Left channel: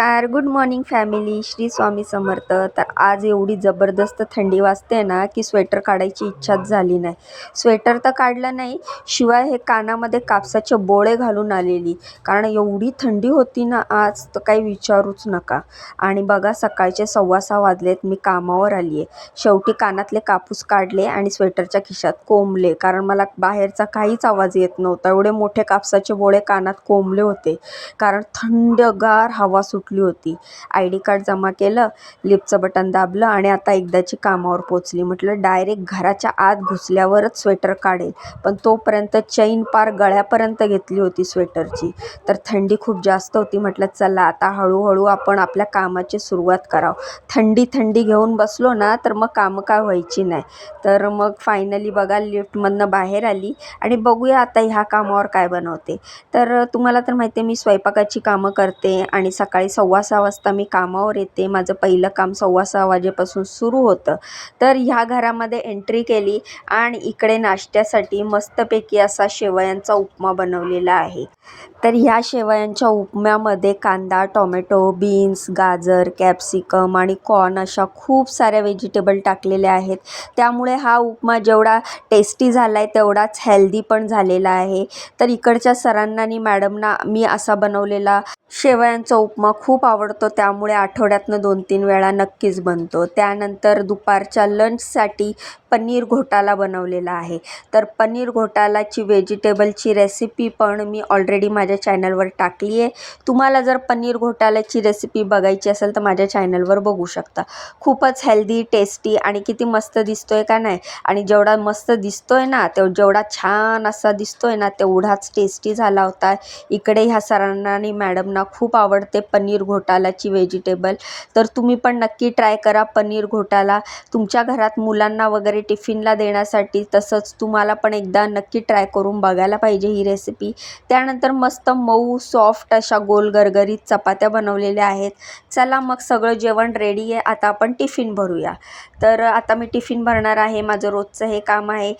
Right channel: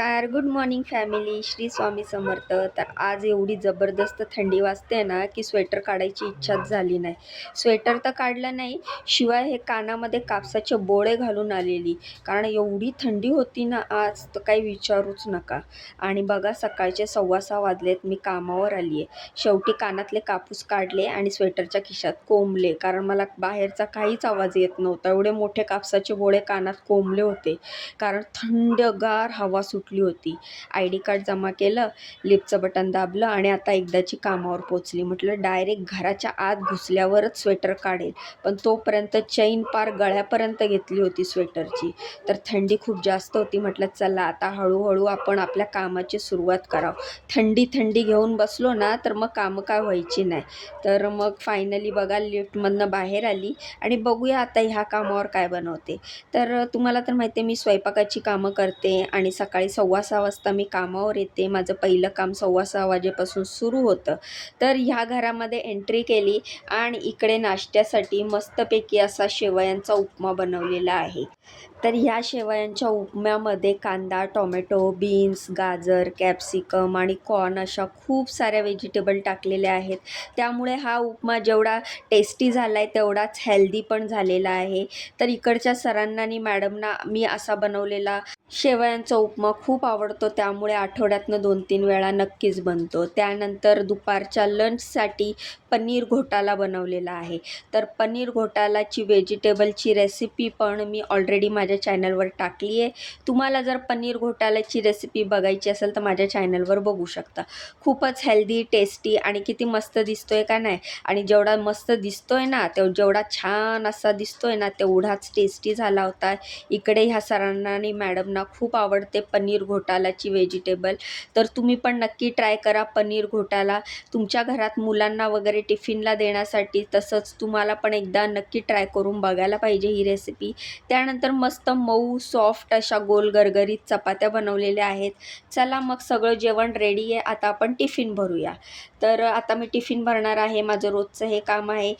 नमस्कार, good morning family. Shri Swami Samarth. तर आज एवढी जबरदस्त थंडी वाजते ना की स्वेटर काढायची इच्छाच झाली नाही. स्वेटर तर काढलं नाही, शिवाय हे कानामध्ये कापसाचे बोळे घालून आलेली, कारण एवढी थंडी होती ना आज तर काही विचारूच नका. आणि बघा सकाळचे 6:15 वाजलेत, मी कामावर आली आहे. शेवटी कानातले कापूस काढले आणि स्वेटरच्या खिशात कोंबले, कारण मला बाहेरचा काहीच आवाज येत नव्हता. एवढे मोठे कापसाचे बोळे कानात कोंबले होते, कारण थंडगार हवा सुटली होती. ID कार्ड जमा केलं, लिफ्टचं बटन दाबलं आणि आता एकदाची कामावर पोचली. म्हटलं डायरेक्ट घराच्या आत घुसल्यावरच स्वेटर काढेल, पण तोपर्यंत चैन पार गळ्यापर्यंत घेतली होती स्वेटरची. तर थंडी खूप जास्त होती. म्हटलं चला आता हळूहळू आपण आपल्या कामाची सुरुवात करावं. थंडी थंडी घेऊन बसलो ना तर मग कामं काय व्हायची नाही. तर मग फायनली बघा लिफ्टमधनं बाहेर आली आणि बघूया आता ह्या कामावर काय बनवते. तर तुम्हाला तर माहिती आहे मी स्वयंपाकाची कामं करते आणि सकाळी 6:15 वाजता मी कामावर येते. माझं पहिलं काम 6:15 वाजेपासून सुरू होतं. तर ह्या घरामध्ये एंट्री केली आणि इकडे नाश्त्यासाठी मस्तपैकी असा शेवयांचा उपमा बनवलेला आहे. तर ह्या शेवयांच्या उपम्यामध्ये कांदा, टोमॅटो, बीन्स, गाजर, कॅप्सिकम आणि कॉर्न अशा खूप साऱ्या व्हेजिटेबल टाकलेल्या आहेत. त्यामुळे हा उपमा जेवढा टेस्टी झाला आहे तेवढाच हेल्दी पण झालेला आहे. तर इकडच्या सरांना आणि मॅडमना मी असा बनवलेला शेवयांचा उपमा खूप आवडतो, त्यामुळे आठवड्यातनं 2-3 वेळा नक्कीच बनतो. त्यानंतर दुपारच्या लंचसाठी पनीर घोटाला बनवलेला आहे. तर पनीर घोटालाची व्हेजिटेबलची रेसिपी पण मी ऑलरेडी माझ्या चॅनलवर टाकली आहे. तुम्हाला जर पनीर घोटाल्याची रेसिपी बघायची असेल तर माझ्या चॅनलवर बघू शकता. खूपच हेल्दी, टेस्टी आणि किती मस्त दिसतोय का नाही. आणि जेवढा मस्त दिसतोय ना जेवढा छान असा दिसतोय ना तेवढाच टेस्टी झाला होता. इकडे ह्या सरांना आणि मॅडमना खूप आवडते पनीर घोटालाची व्हेजिटेबल. तर तुम्ही पण नक्की ट्राय करा पनीर घोटाला तुमच्या घरात मुलांना वगैरे टिफिनला देण्यासाठी. तसंच तुम्हाला पण एकदा नक्की ट्राय करून बघायला पाहिजे ही रेसिपी. त्यानंतर मस्त मऊ सॉफ्ट अशा गोल गरगरीत चपात्या बनवलेल्या आहेत. चला मग सगळं जेवण रेडी आहे, आता आपण टिफिन भरूया. तर आता मी टिफिन भरणार आहे. माझं रोजचं हे काम आहे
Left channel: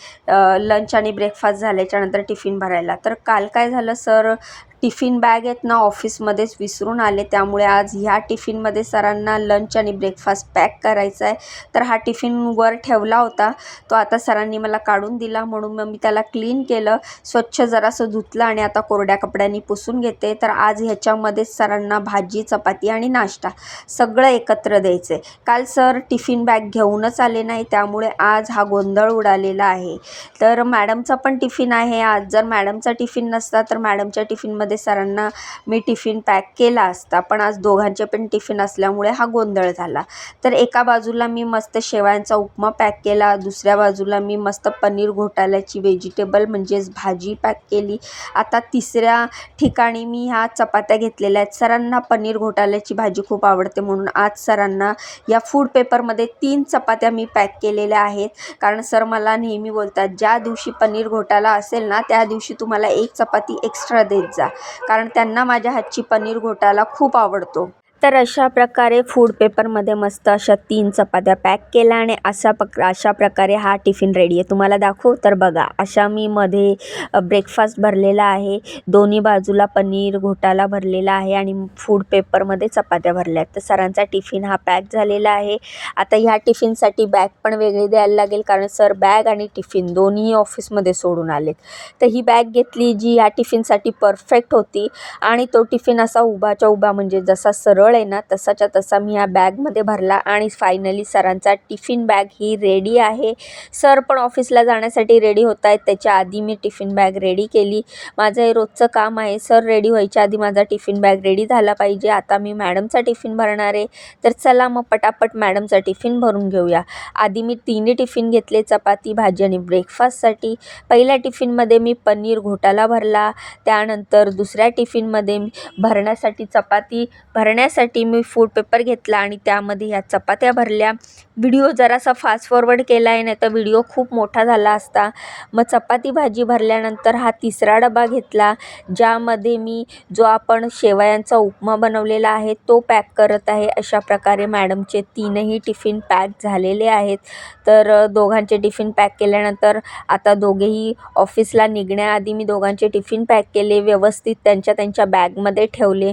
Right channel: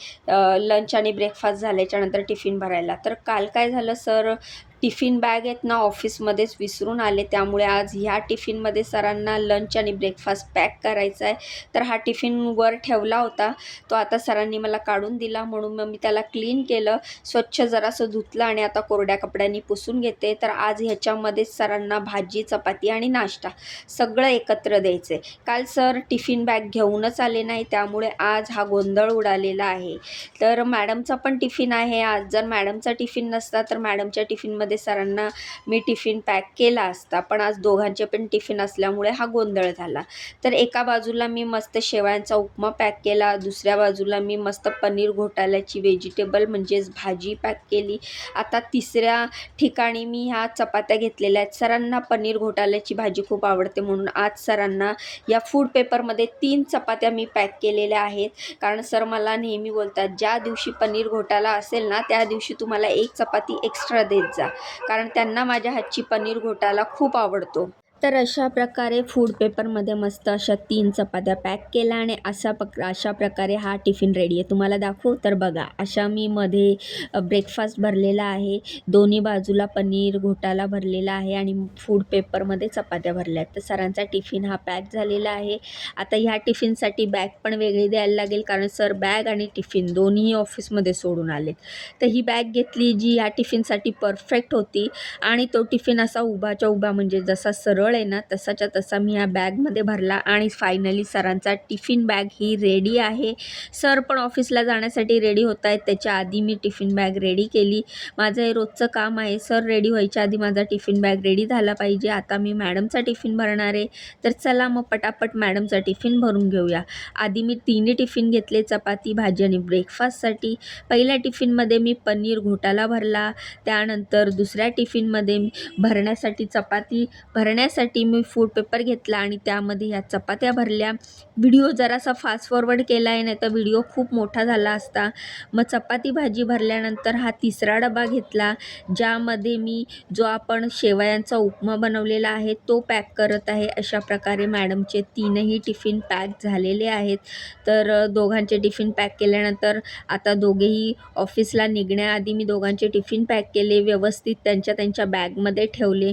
लंच आणि ब्रेकफास्ट झाल्याच्यानंतर टिफिन भरायला. तर काल काय झालं, सर टिफिन बॅग आहेत ना ऑफिसमध्येच विसरून आले, त्यामुळे आज ह्या टिफिनमध्ये सरांना लंच आणि ब्रेकफास्ट पॅक करायचा आहे. तर हा टिफिन वर ठेवला होता, तो आता सरांनी मला काढून दिला, म्हणून मग मी त्याला क्लीन केलं, स्वच्छ जरासं धुतलं आणि आता कोरड्या कपड्यांनी पुसून घेते. तर आज ह्याच्यामध्येच सरांना भाजी, चपाती आणि नाश्ता सगळं एकत्र द्यायचं आहे. काल सर टिफिन बॅग घेऊनच आले नाही, त्यामुळे आज हा गोंधळ उडालेला आहे. तर मॅडमचा पण टिफिन आहे आज. जर मॅडमचा टिफिन नसता तर मॅडमच्या टिफिनमध्ये सरांना मी टिफिन पॅक केला असता, पण आज दोघांचे पण टिफिन असल्यामुळे हा गोंधळ झाला. तर एका बाजूला मी मस्त शेवयांचा उपमा पॅक केला, दुसऱ्या बाजूला मी मस्त पनीर घोटाल्याची व्हेजिटेबल म्हणजेच भाजी पॅक केली. आता तिसऱ्या ठिकाणी मी ह्या चपात्या घेतलेल्या आहेत. सरांना पनीर घोटाल्याची भाजी खूप आवडते, म्हणून आज सरांना या फूड पेपरमध्ये 3 चपात्या मी पॅक केलेल्या आहेत. कारण सर मला नेहमी बोलतात ज्या दिवशी पनीर घोटाला असेल ना त्या दिवशी तुम्हाला 1 चपाती एक्स्ट्रा देत जा, कारण त्यांना माझ्या हातची पनीर घोटाला खूप आवडतो. तर अशा प्रकारे फूड पेपरमध्ये मस्त अशा 3 चपात्या पॅक केल्या आणि अशा प्रकारे हा टिफिन रेडी आहे. तुम्हाला दाखवू तर बघा, अशा मी मध्ये ब्रेकफास्ट भरलेला आहे, दोन्ही बाजूला पनीर घोटाला भरलेला आहे आणि फूड पेपरमध्ये चपात्या भरल्या आहेत. तर सरांचा टिफिन हा पॅक झालेला आहे. आता ह्या टिफिनसाठी बॅग पण वेगळी द्यायला लागेल, कारण सर बॅग आणि टिफिन दोन्ही ऑफिसमध्ये सोडून आलेत. तर ही बॅग घेतली जी या टिफिनसाठी परफेक्ट होती आणि तो टिफिन असा उभाच्या उभा म्हणजे जसा सरळ आहे ना तसाच्या तसा मी या बॅगमध्ये भरला आणि फायनली सरांचा टिफिन बॅग ही रेडी आहे. सर पण ऑफिसला जाण्यासाठी रेडी होत आहेत, त्याच्या आधी मी टिफिन बॅग रेडी केली. माझं हे रोजचं काम आहे, सर रेडी व्हायच्या आधी माझा टिफिन बॅग रेडी झाला पाहिजे. आता मी मॅडमचा टिफिन भरणार आहे, तर चला मग पटापट मॅडमचा टिफिन भरून घेऊया. आधी मी 3 टिफिन घेतले, चपाती, भाजी आणि ब्रेकफास्टसाठी. पहिल्या टिफिनमध्ये मी पनीर घोटाला भरला, त्यानंतर दुसऱ्या टिफिनमध्ये भरण्यासाठी चपाती भरण्यासाठी मी फूड पेपर घेतला आणि त्यामध्ये ह्या चपात्या भरल्या. व्हिडिओ जरासा फास्ट फॉरवर्ड केला आहे, नाही तर व्हिडिओ खूप मोठा झाला असता. मग चपाती भाजी भरल्यानंतर हा तिसरा डबा घेतला, ज्यामध्ये मी जो आपण शेवयांचा उपमा बनवलेला आहे तो पॅक करत आहे. अशा प्रकारे मॅडमचे 3ही टिफिन पॅक झालेले आहेत. तर दोघांचे टिफिन पॅक केल्यानंतर आता दोघेही ऑफिसला निघण्याआधी मी दोघांचे टिफिन पॅक केले, व्यवस्थित त्यांच्या बॅगमध्ये ठेवले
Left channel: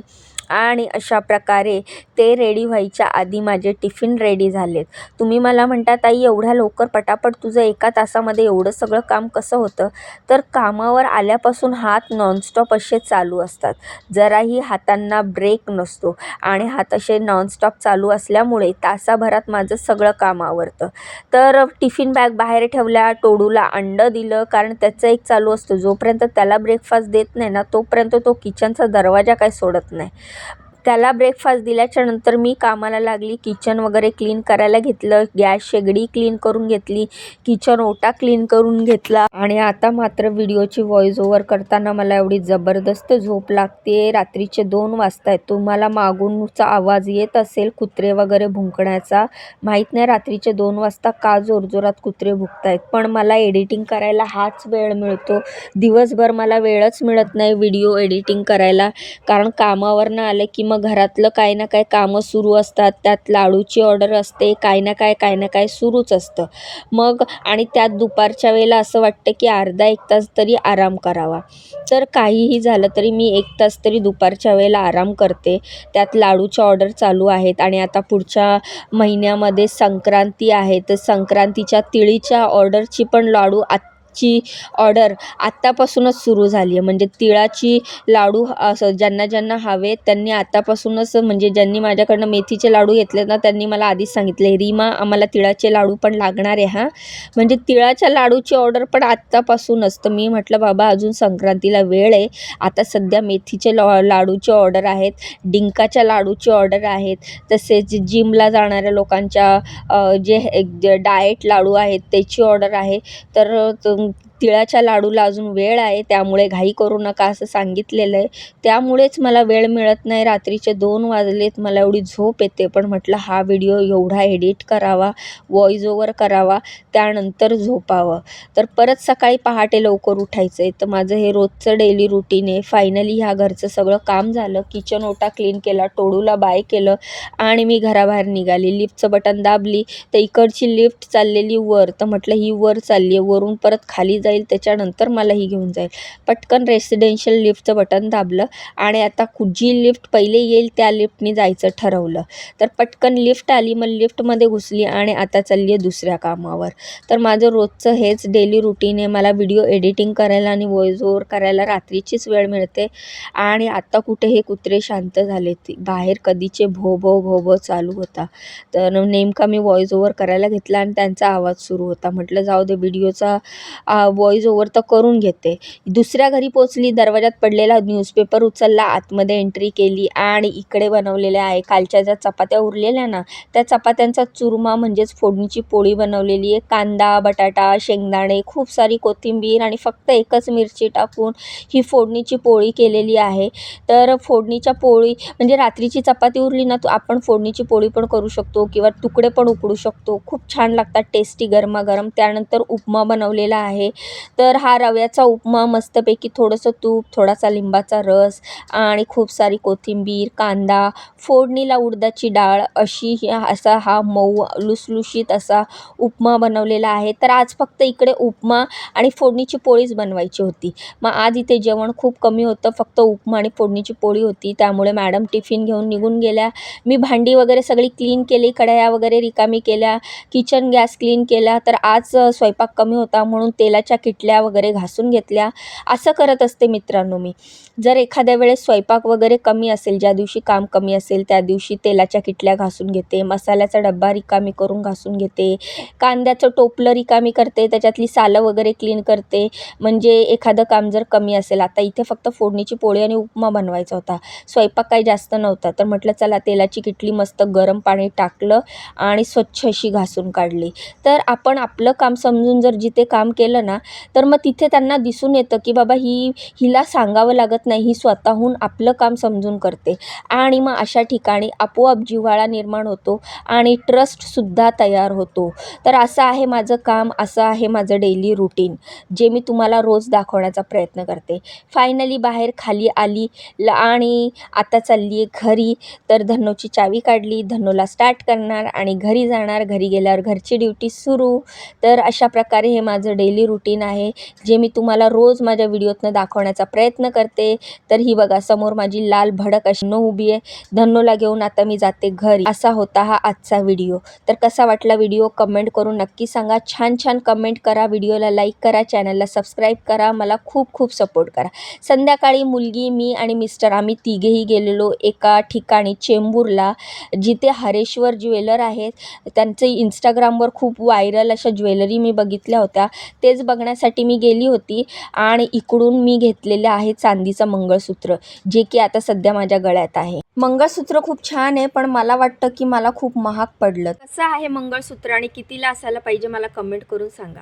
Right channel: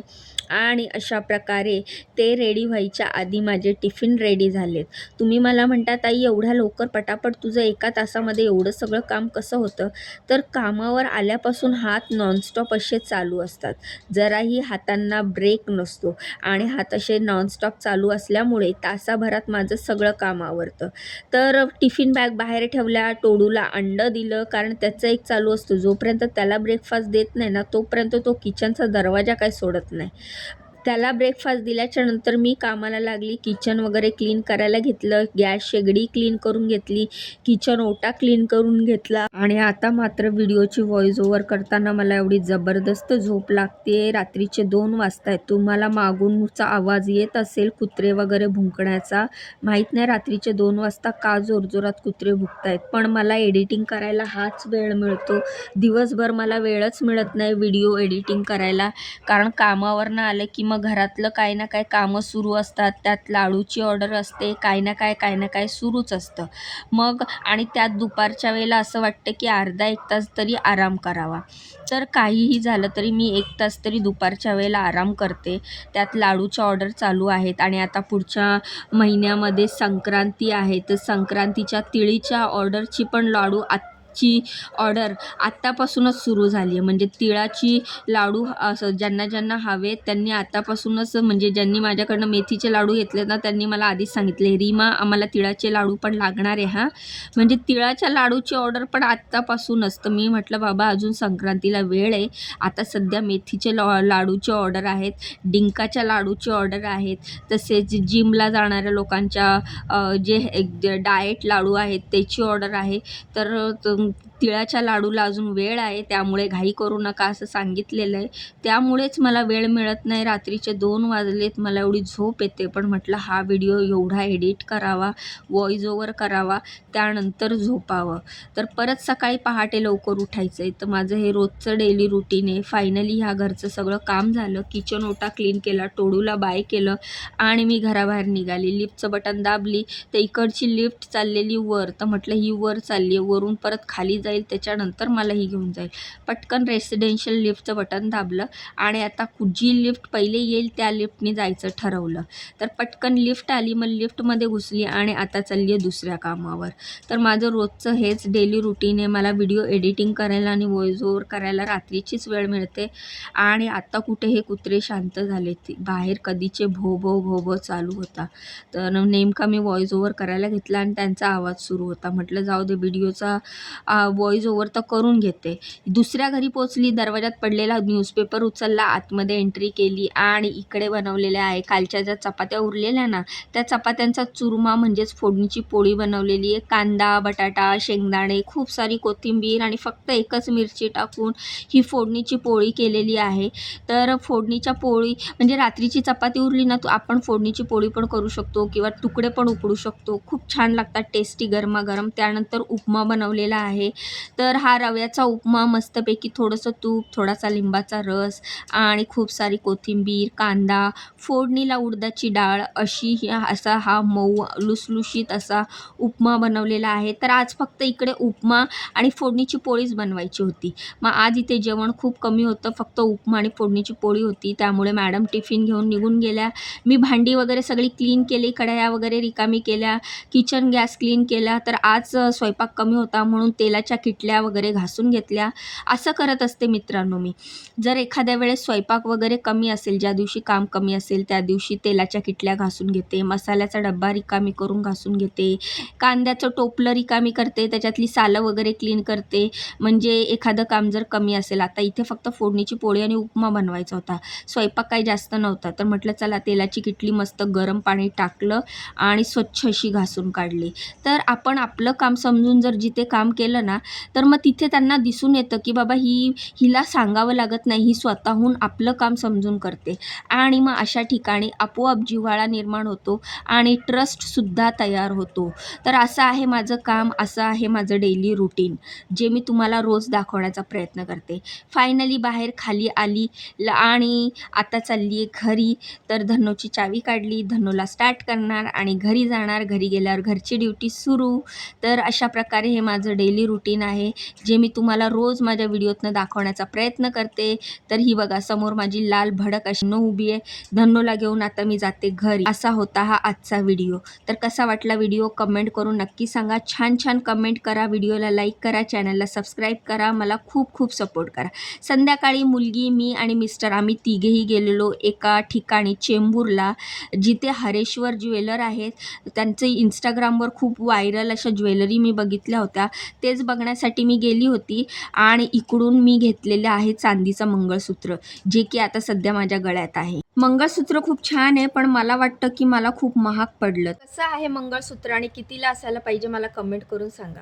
आणि अशा प्रकारे ते रेडी व्हायच्या आधी माझे टिफिन रेडी झालेत. तुम्ही मला म्हणता, ताई एवढ्या लवकर पटापट तुझं एका तासामध्ये एवढं सगळं काम कसं होतं? तर कामावर आल्यापासून हात नॉनस्टॉप असे चालू असतात. जराही हातांना ब्रेक नसतो आणि हात असे नॉनस्टॉप चालू असल्यामुळे तासाभरात माझं सगळं काम आवरतं. तर टिफिन बॅग बाहेर ठेवल्या, टोडूला अंडं दिलं, कारण त्याचं एक चालू असतं. जोपर्यंत त्याला ब्रेकफास्ट देत नाही ना, तोपर्यंत तो किचनचा दरवाजा काही सोडत नाही. त्याला ब्रेकफास्ट दिल्याच्या नंतर मी कामाला लागली. किचन वगैरे क्लीन करायला घेतलं, गॅस शेगडी क्लीन करून घेतली, किचन ओटा क्लीन करून घेतला. आणि आता मात्र व्हिडिओची व्हॉइस ओव्हर करताना मला एवढी जबरदस्त झोप लागते. रात्रीचे 2 वाजता आहेत. तुम्हाला मागूनचा आवाज येत असेल कुत्रे वगैरे भुंकण्याचा. माहीत नाही रात्रीचे 2 वाजता का जोरजोरात कुत्रे भुंकतायत, पण मला एडिटिंग करायला हाच वेळ मिळतो. दिवसभर मला वेळच मिळत नाही व्हिडिओ एडिटिंग करायला, कारण कामावरनं आलं की मग घरातलं काही ना काही कामं सुरू असतात. त्यात लाडूची ऑर्डर असते, काही ना काय सुरूच असतं. मग आणि त्यात दुपारच्या वेळेला असं वाटतं की अर्धा 1 तास तरी आराम करावा. तर काहीही झालं तरी मी 1 तास तरी दुपारच्या वेळेला आराम करते. त्यात लाडूच्या ऑर्डर चालू आहेत आणि आता पुढच्या महिन्यामध्ये संक्रांती आहे, तर संक्रांतीच्या तिळीच्या ऑर्डरची पण लाडूची ऑर्डर आत्तापासूनच सुरू झाली आहे. म्हणजे तिळाची लाडू असं ज्यांना हवे त्यांनी आतापासूनच, म्हणजे ज्यांनी माझ्याकडनं मेथीचे लाडू घेतले ना, त्यांनी मला आधीच सांगितले, रीमा आम्हाला तिळाचे लाडू पण लागणार आहे हां. म्हणजे तिळाच्या लाडूची ऑर्डर पण आत्तापासूनच. तर मी म्हटलं बाबा अजून संक्रांतीला वेळ आहे. आता सध्या मेथीचे लाडूची ऑर्डर आहेत, डिंकाच्या लाडूची ऑर्डर आहेत, तसेच जिमला जाणाऱ्या लोकांच्या जे डाएट लाडू आहेत त्याची ऑर्डर आहे. तर तिळाच्या लाडूला अजून वेळ आहे, त्यामुळे घाई करू नका असं सांगितलेलं आहे. त्यामुळेच मला वेळ मिळत नाही. रात्रीचे 2 वाजलेत, मला एवढी झोप येते, पण म्हटलं हा व्हिडिओ एवढा एडिट करावा, व्हॉइस ओव्हर करावा, त्यानंतर झोपावं. तर परत सकाळी पहाटे लवकर उठायचं आहे. तर माझं हे रोजचं डेली रुटीन आहे. फायनली ह्या घरचं सगळं काम झालं. किचन ओटा क्लीन केला, टोडूला बाय केलं आणि मी घराबाहेर निघाली. लिफ्टचं बटन दाबली तर इकडची लिफ्ट चाललेली वर. तर म्हटलं ही वर चालली आहे, वरून परत खाली जाईल, त्याच्यानंतर मला ही घेऊन जाईल. पटकन रेसिडेन्शियल लिफ्टचं बटन दाबलं आणि आता जी लिफ्ट पहिले येईल त्या लिफ्टनी जायचं ठरवलं. तर पटकन लिफ्ट आली, मग लिफ्टमध्ये घुसली आणि आता चालली आहे दुसऱ्या कामावर. तर माझं रोजचं हेच डेली रुटीन आहे. मला व्हिडिओ एडिटिंग करायला आणि व्हॉइस ओव्हर करायला रात्रीचीच वेळ मिळते. आणि आता कुठे हे कुत्रे शांत झाले, बाहेर कधीचे भो भो भो भो चालू होता. तर नेमका मी व्हॉइस ओव्हर करायला घेतला आणि त्यांचा आवाज सुरू होता. म्हटलं जाऊ दे, व्हिडिओचा व्हॉइस ओव्हर तर करून घेते. दुसऱ्या घरी पोचली, दरवाजात पडलेला न्यूजपेपर उचलला, आतमध्ये एंट्री केली आणि इकडे बनवलेल्या आहे कालच्या ज्या चपात्या उरलेल्या ना, त्या चपात्यांचा चुरमा म्हणजेच फोडणीची पोळी बनवलेली आहे. कांदा, बटाटा, शेंगदाणे, खूप सारी कोथिंबीर आणि फक्त एकच मिरची टाकून ही फोडणीची पोळी केलेली आहे. तर फोडणीच्या पोळी म्हणजे रात्रीची चपाती उरली ना, आपण फोडणीची पोळी पण करू शकतो किंवा तुकडे पण उकडू शकतो. खूप छान लागतात टेस्टी गरमागरम. त्यानंतर उपमा बनवलेला आहे. तर हा रव्याचा उपमा मस्तपैकी थोडंसं तूप, थोडासा लिंबाचा रस आणि खूप सारी कोथिंबीर, कांदा, फोडणीला उडदाची डाळ असा हा मऊ लुसलुशीत असा उपमा बनवलेला आहे. तर आज फक्त इकडे उपमा आणि फोडणीची पोळीच बनवायची होती. मग आज इथे जेवण खूप कमी होतं, फक्त उपमा आणि फोडणीची पोळी होती. त्यामुळे मॅडम टिफिन घेऊन निघून गेल्या. मी भांडी वगैरे सगळी क्लीन केली, कढया वगैरे रिकामी केल्या, किचन गॅस क्लीन केला. तर आज स्वयंपाक कमी होता म्हणून तेलाच्या किटल्या वगैरे घासून घेतल्या. असं करत असते मित्रांनो मी. जर एखाद्या वेळेस स्वयंपाक वगैरे कमी असेल, ज्या दिवशी काम कमी असेल त्या दिवशी तेलाच्या किटल्या घासून घेते, मसाल्याचा डब्बा रिकामी करून घासून घेते, कांद्याचं टोपलं रिकामी करते, त्याच्यातली सालं वगैरे क्लीन करते. म्हणजे एखादं काम जर कमी असेल, आता इथे फक्त फोडणीची पोळी आणि उपमा बनवायचा होता, स्वयंपाक काही जास्त नव्हता, तर म्हटलं चला तेलाची किटली मस्त गरम पाणी टाकलं आणि स्वच्छ अशी घासून काढली. तर आपण आपलं काम समजून जर जिथे काम केलं ना, तर मग तिथे त्यांना दिसून येतं की बाबा हिला सांगावं लागत नाही, ही स्वतःहून आपलं काम समजून करते. आणि मग अशा ठिकाणी आपोआप जिव्हाळा निर्माण होतो आणि ट्रस्टसुद्धा तयार होतो. तर असं आहे माझं काम, असं आहे माझं डेली रुटीन, जे मी तुम्हाला रोज दाखवण्याचा प्रयत्न करते. फायनली बाहेर खाली आली आणि आता चालली आहे घरी. तर धन्नूची चावी काढली, धन्नूला स्टार्ट करणार आणि घरी जाणार. घरी गेल्यावर घरची ड्युटी सुरू. तर अशा प्रकारे हे माझं डेली रुटीन रुटीन आहे, जे मी तुम्हाला रोज माझ्या व्हिडिओतनं दाखवण्याचा प्रयत्न करते. तर ही बघा समोर माझी लाल भडक अशी धन्नो उभी आहे. धन्नोला घेऊन आता मी जाते घरी. असा होता हा आजचा व्हिडिओ. तर कसा वाटला व्हिडिओ कमेंट करून नक्की सांगा. छान छान कमेंट करा, व्हिडिओला लाईक करा, चॅनलला सबस्क्राईब करा, मला खूप खूप सपोर्ट करा. संध्याकाळी मुलगी, मी आणि मिस्टर आम्ही तिघेही गेलेलो एका ठिकाणी चेंबूरला, जिथे हरेश्वर ज्वेलर आहेत. त्यांचे इंस्टाग्रामवर खूप व्हायरल अशा ज्वेलरी मी बघितल्या होत्या, तेच बघण्यासाठी मी गेली होती. आणि इकडून मी घेतलेलं आहे चांदीचं मंगळसूत्र, जे की आता सध्या माझ्या गळ्यात आहे. मंगळसूत्र खूप छान आहे, पण मला वाटतं की मला खूप महाग पडलं. कसं आहे मंगळसूत्र आणि कितीला असायला पाहिजे मला कमेंट करून सांगा.